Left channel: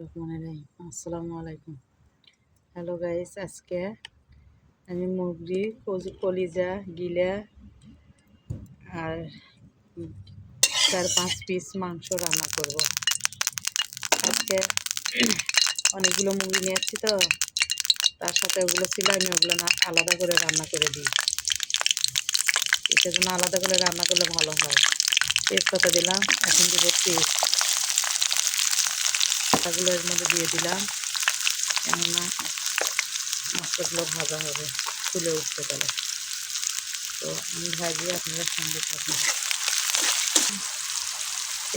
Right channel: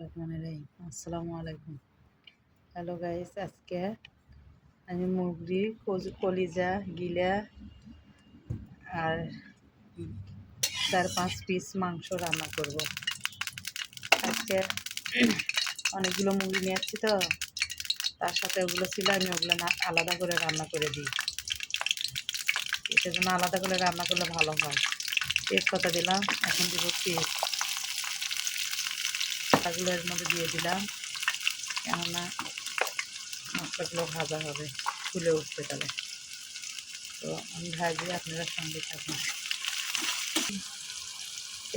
আসসালামু আলাইকুম। Hello guys, আজকে আমি মুরগির কলিজা গিলা আর 4-5 পিস মাংস রান্না করব। আজকে অনেকগুলো মুরগি নিয়ে আসছি, তো তার সাথে ওগুলো ছিল, আমি ওগুলো না আলাদা করে রান্না করে দিই। সেজন্য আলাদা করে রান্না করলে ভালো হয়। তেজপাতা দিলাম, এখন দিব পেস্ট, পাতাগুলো এর মধ্যে দিয়ে দিলাম, কেননা মশলাগুলো ভাজা হবে, ফুলে উঠতে পারে। তো আমি ভাজিয়ে আপনারা সঙ্গে থাকুন।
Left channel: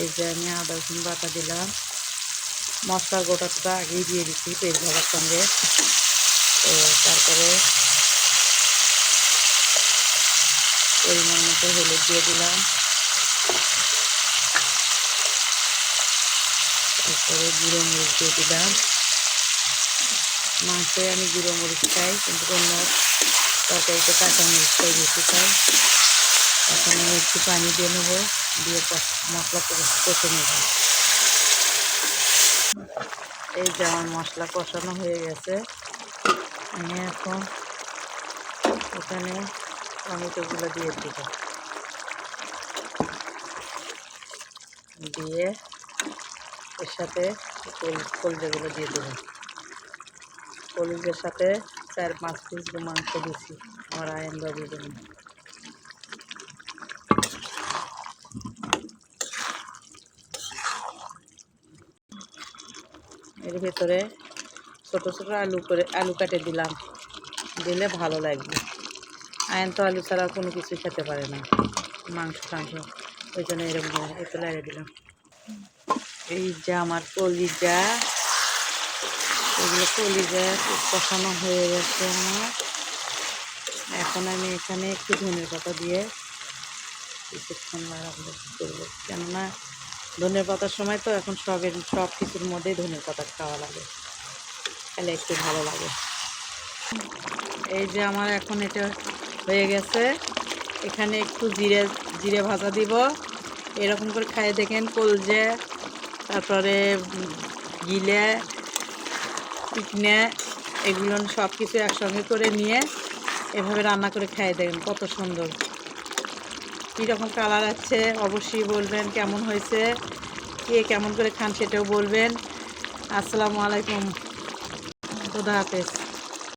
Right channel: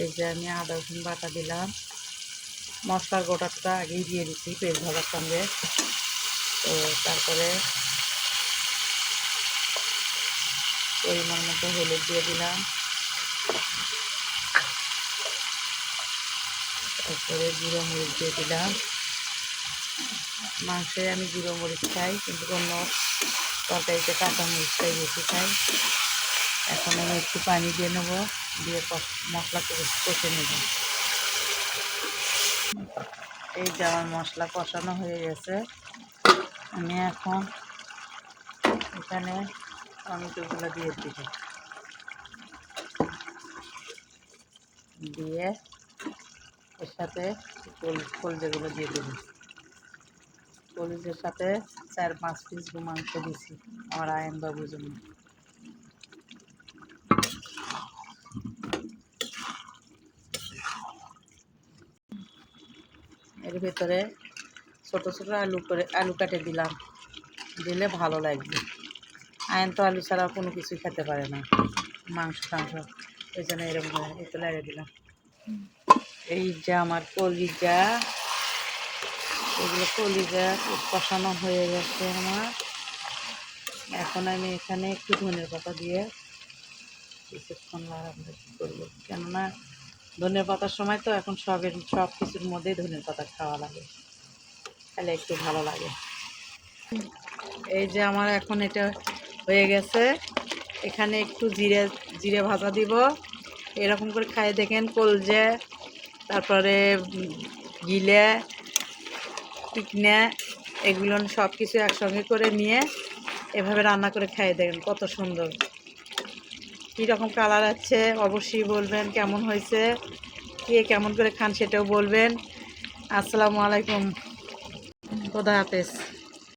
এই যে আমি আদা রসুন বাটা দিলাম, মশলার গোটাটা আগেই দিয়ে দিচ্ছি পেঁয়াজ ভাজার সঙ্গে। তো তারপরে পরিমাণ মতো হলুদ দিয়ে দিলাম, তারপরে গুঁড়ো মরিচ দিয়ে দিলাম। মাংসে আমি গুঁড়ো মরিচ খাই, কিন্তু অন্য তরকারিতে কাঁচা মরিচটাই বেশি খাই। এখন আমি একটু পানি দিয়ে নেবো, দিয়ে মশলা কষে নেব। এই যে আমার মশলা কষানো হয়ে গেছে, আমি এখন এখানে টমেটোগুলো দিয়ে দিব, দিয়ে এর সাথে কলিজাগুলো দিয়ে দেবো। কলিজের সাথে 4-5 পিস মাংস দিছি আমার আয়ন বাবুর জন্য। এর ভেতরে ছোটো ছোটো আলু কাটে দিলাম, দিলে ভালো লাগবে। আয়ন তো আলু ছাড়া কোনো কিছুই খেতে পারে না, মাংস টাংস, ওই জন্য এরকম একটু লাগিয়ে দিলাম। এই যে আমার কলিজা, এগুলো কলিজা কষানো হয়ে গেছে আমার। এখন আমি এখানে একটু ধনের পাতা দিয়ে কিছুক্ষণ রান্না করবো, কেননা ধনের পাতার সময় তো এখন সব কিছুর মধ্যেই ধনের পাতা খাওয়া লাগে, তাহলে একটু ভালো লাগে। এই যে আমার এখন এটা হয়ে গেছে, এখানে একটু জিরে ভাজা দিব। এরকম করে খাইয়ে দেখেন, কলজে, তারপরে গিলে, চিকনে, এগুলো সব কিছু একসঙ্গে করে নিয়ে এভাবে রান্না করে খাইয়ে দেখেন, কত সুন্দর, কীরকম কালার আছে অবশ্যই বলবেন, কেমন হয়েছে, কে কেমন করে খান সেটাও বলবেন। আসসালামু আলাইকুম, খোদা হাফেজ।